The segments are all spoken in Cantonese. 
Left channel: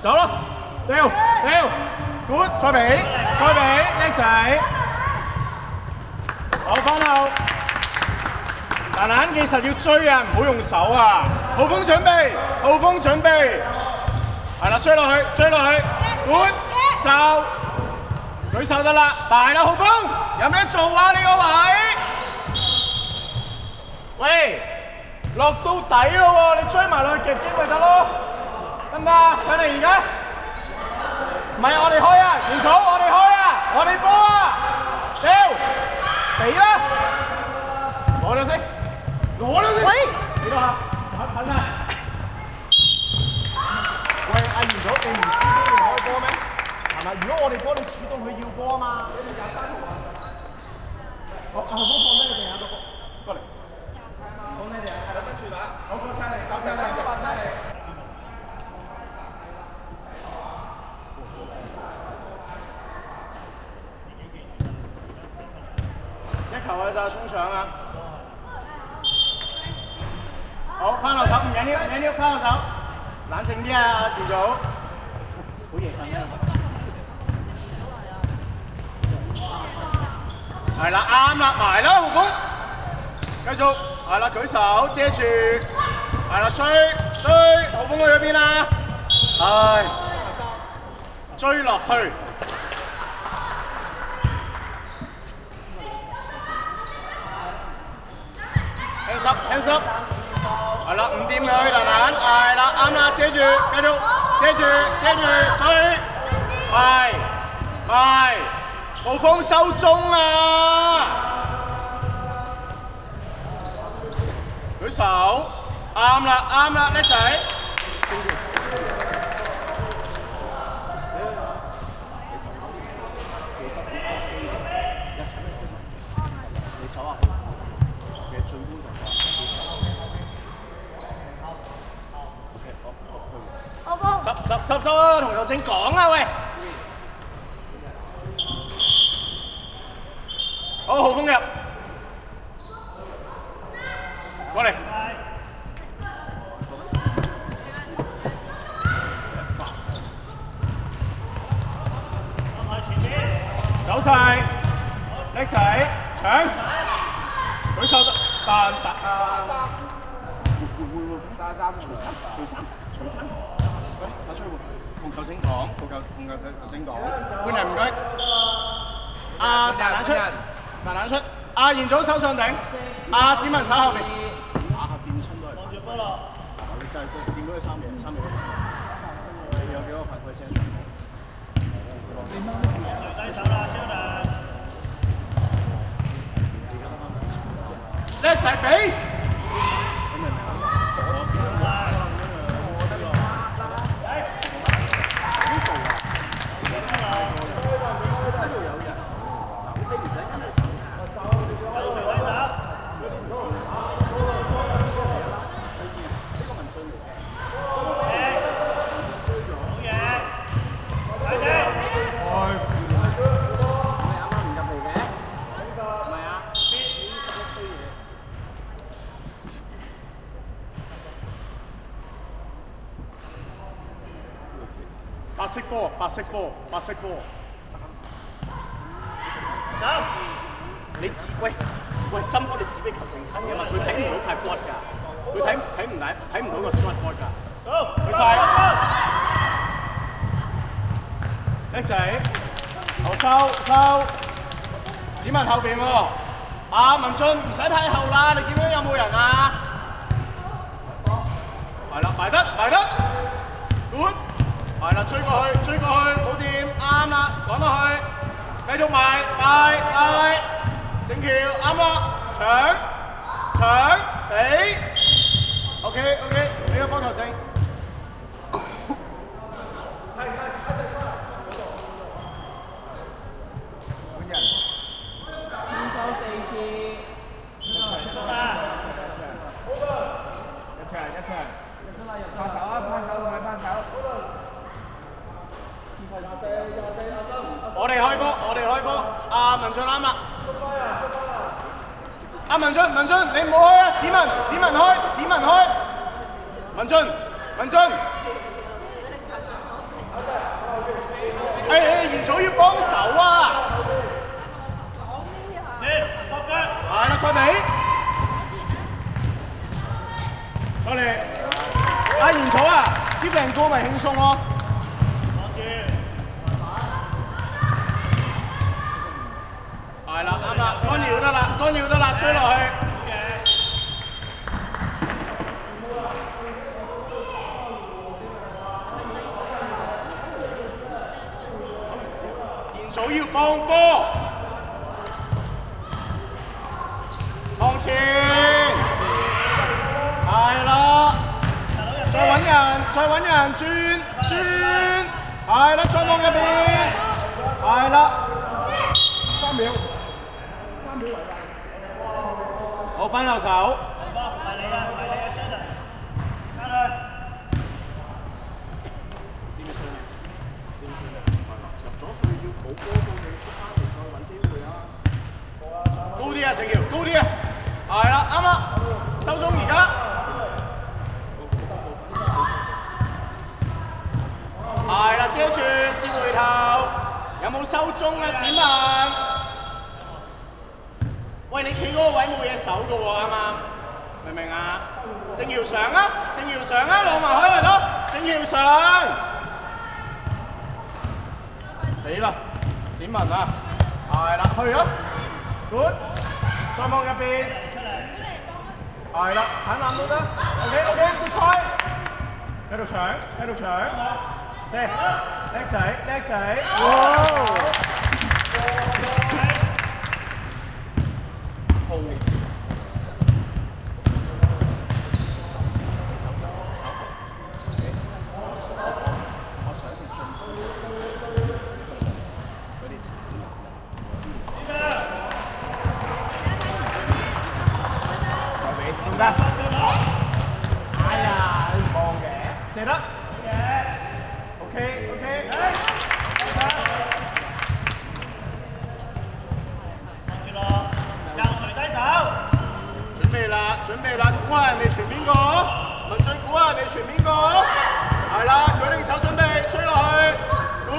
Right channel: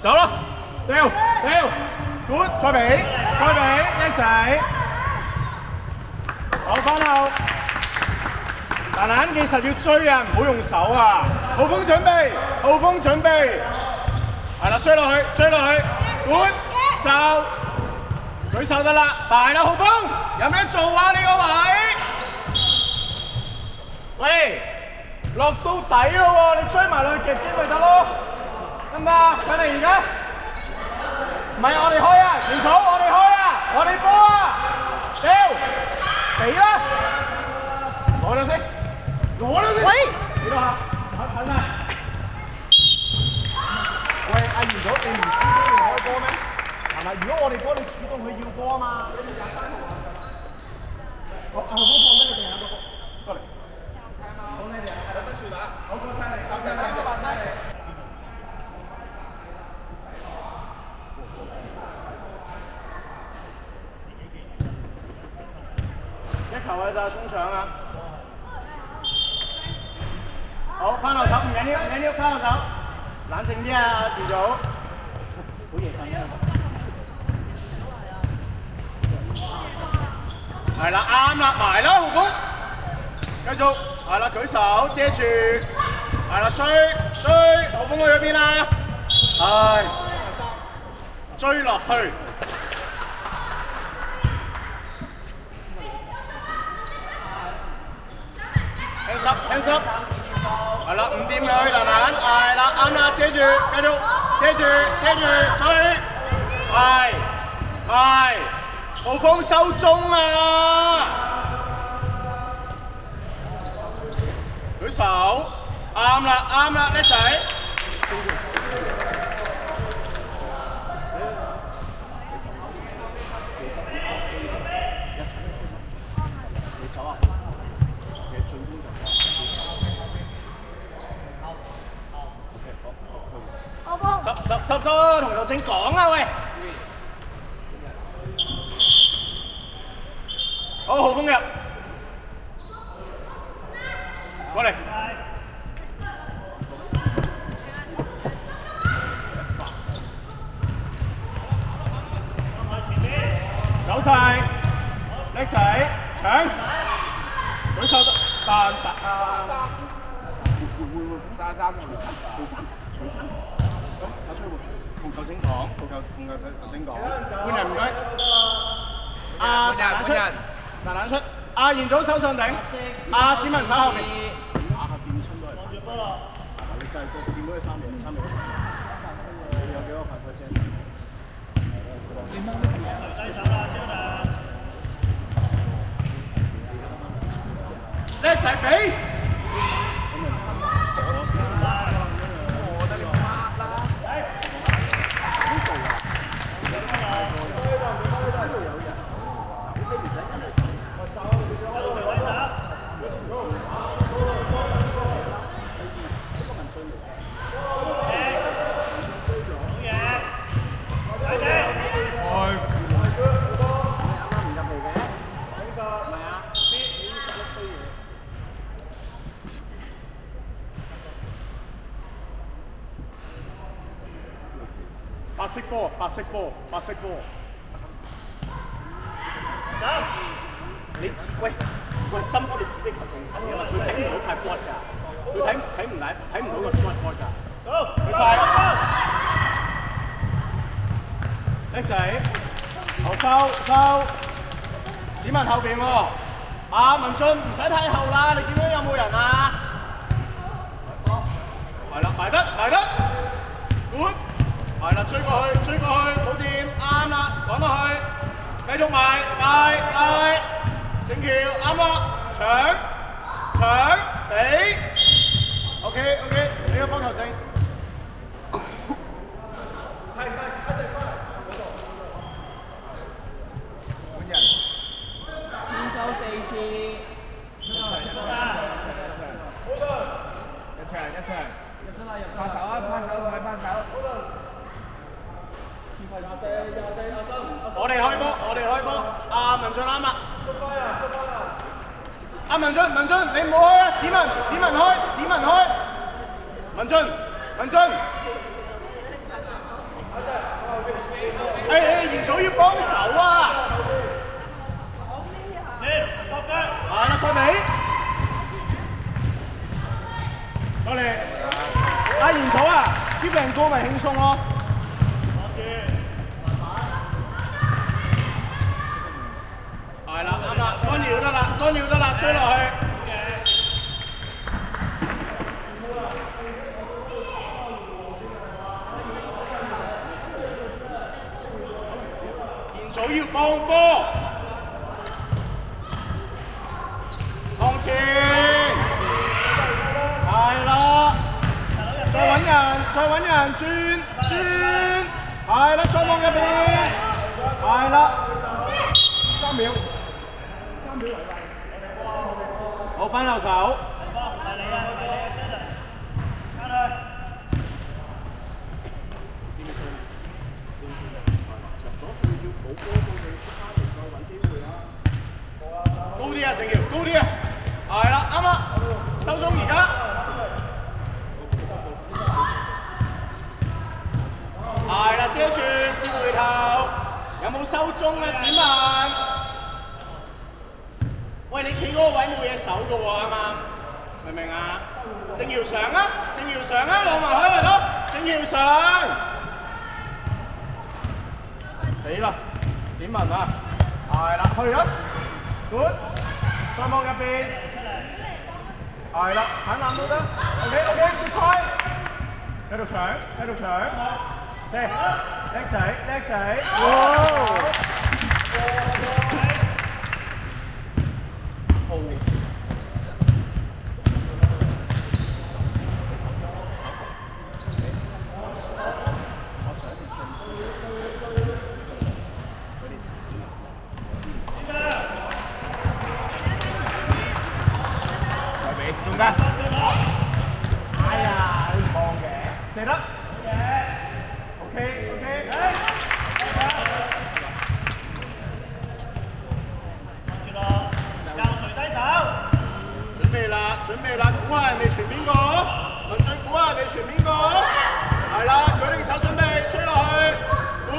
走啦，掉，good，再俾，叻仔，攞翻後，但係其實要追啊，唔好用手啊，浩峰準備，係啦，追落去 ，good， 就舉手得啦，大啦，浩峰，有咩做啊？呢個位，喂，落到底咯喎，你追埋落去夾尖咪得咯。得唔得？佢哋而家唔係我哋開啊，唔錯，我哋開啊，我哋波啊，掉，俾啦，攞咗先，喂，幾多下？近啊！喂，阿元祖，你唔知俾你開波咩？係咪？如果我哋波，你主動去要波啊嘛，你哋廿三條啊！我後方放咩地下？過嚟，放咩地下？有得算啊！我過晒嚟，過晒嚟。衝上啊！好，翻落手，唔緊要，翻落手，冷靜啲啊，條組。好型係啦，啱啦，埋啦，浩峰，繼續，係啦，舉手遮住，係啦，追，浩峰去咗邊啦？係，追落去。hands up， 係啦，唔掂佢，蘭蘭，係啦，啱啦，遮住，繼續，遮住，追，係，浩峰收中啊！舉手，啱啦，叻仔。收啊！同劉正講啊喂！好，浩峰入，過嚟。走晒，叻仔，搶，舉手彈頭先講，頭先講，換人唔該。換人出，阿元祖手上頂，阿子文手後邊。就係見到佢3秒，有幾多排隊先？叻仔俾。白色波。你喂，針你自己球證睇啊嘛，佢睇唔到塊波㗎，佢睇唔到個 smart board 㗎。去晒，叻仔，收，子文後邊喎，阿文俊唔使睇後啦，你見到有冇人啊？係啦，埋得，good。係啦，追過去，冇掂，啱啦，趕落去，繼續埋，整橋，啱啦，搶，俾 ，OK， 俾個波球證。文俊啱啦。阿文俊，文俊，你唔好開啊！子文開，子文開。文俊。元祖要幫手啊！上嚟，我哋阿元祖啊，啲病歌咪輕鬆咯。係啦，啱啦，干擾得啦，追落去。元祖要幫波，向前，係啦，再揾人轉，係啦，上網入邊，係啦，3秒為例，我翻右手。高啲啊，正耀，高啲啊，係啦，啱啦，收中而家，係啦，遮住，接回頭，有冇收中啊，子文？喂，你企嗰個位冇嘢手㗎喎，啱啱？明唔明啊？正耀上啊，落埋開咪咯，正耀上，死啦，子文啊，係啦，去啦。Good， 再望入邊，係啦，搶籃都得 ，OK， good try， 喺度搶，叻仔，哇！準備啦，估下人哋傳邊個？文俊估下人哋傳邊個？係啦，舉定手準備，追落去，管，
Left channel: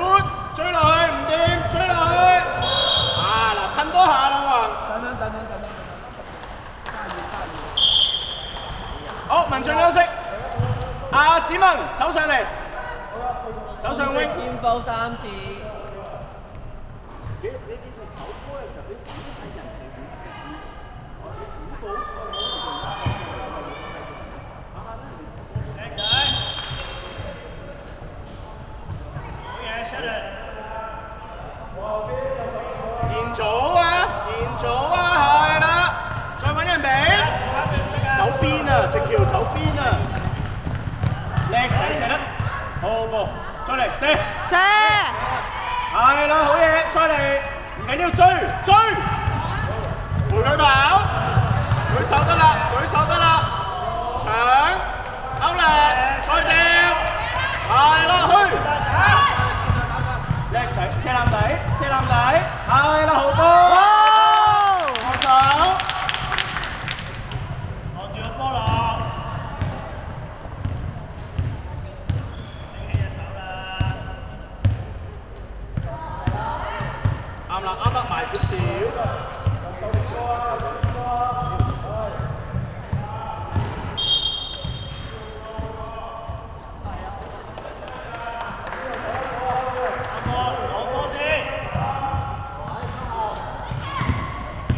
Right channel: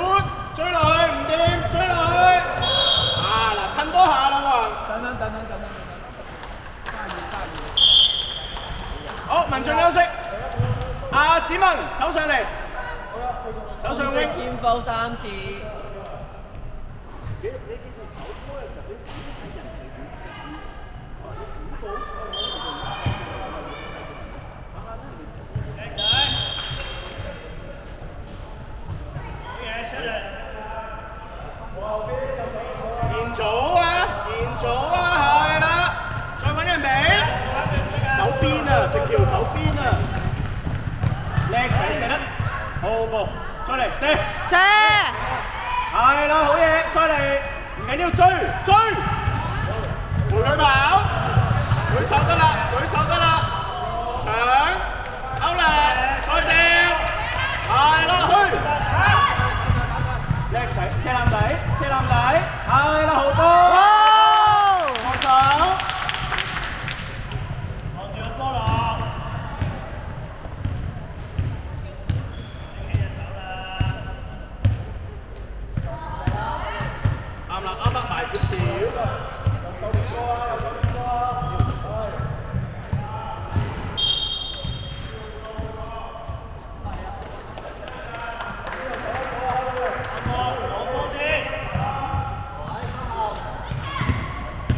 追落去，唔掂，追落去。啊嗱，褪多下啦喎。等。好，文俊休息。阿子文手上嚟，手上拎。天flow3次。你幾時手拖嘅時候，你估睇人係點算？你估到？延祖啊，係啦，再揾人哋，走邊啊，直條走邊啊，叻仔射得，好，再嚟射，係啦，好嘢，再嚟，唔緊要追，陪佢跑，舉手得啦，搶，勾力，再掉，係啦，去，叻仔，射籃底，係啦，好波。啱啦，埋少少。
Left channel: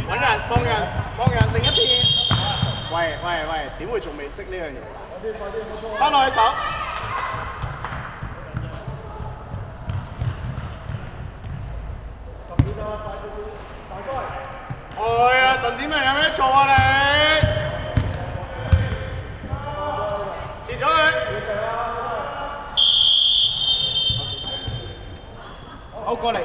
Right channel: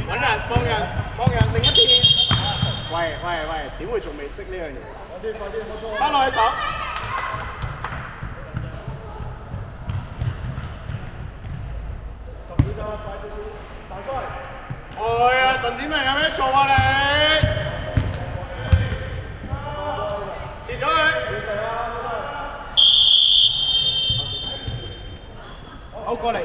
揾人幫人另一邊。喂，點會仲未識呢樣嘢？翻落去手。鄧子明有咩做啊你？截咗佢。好，過嚟。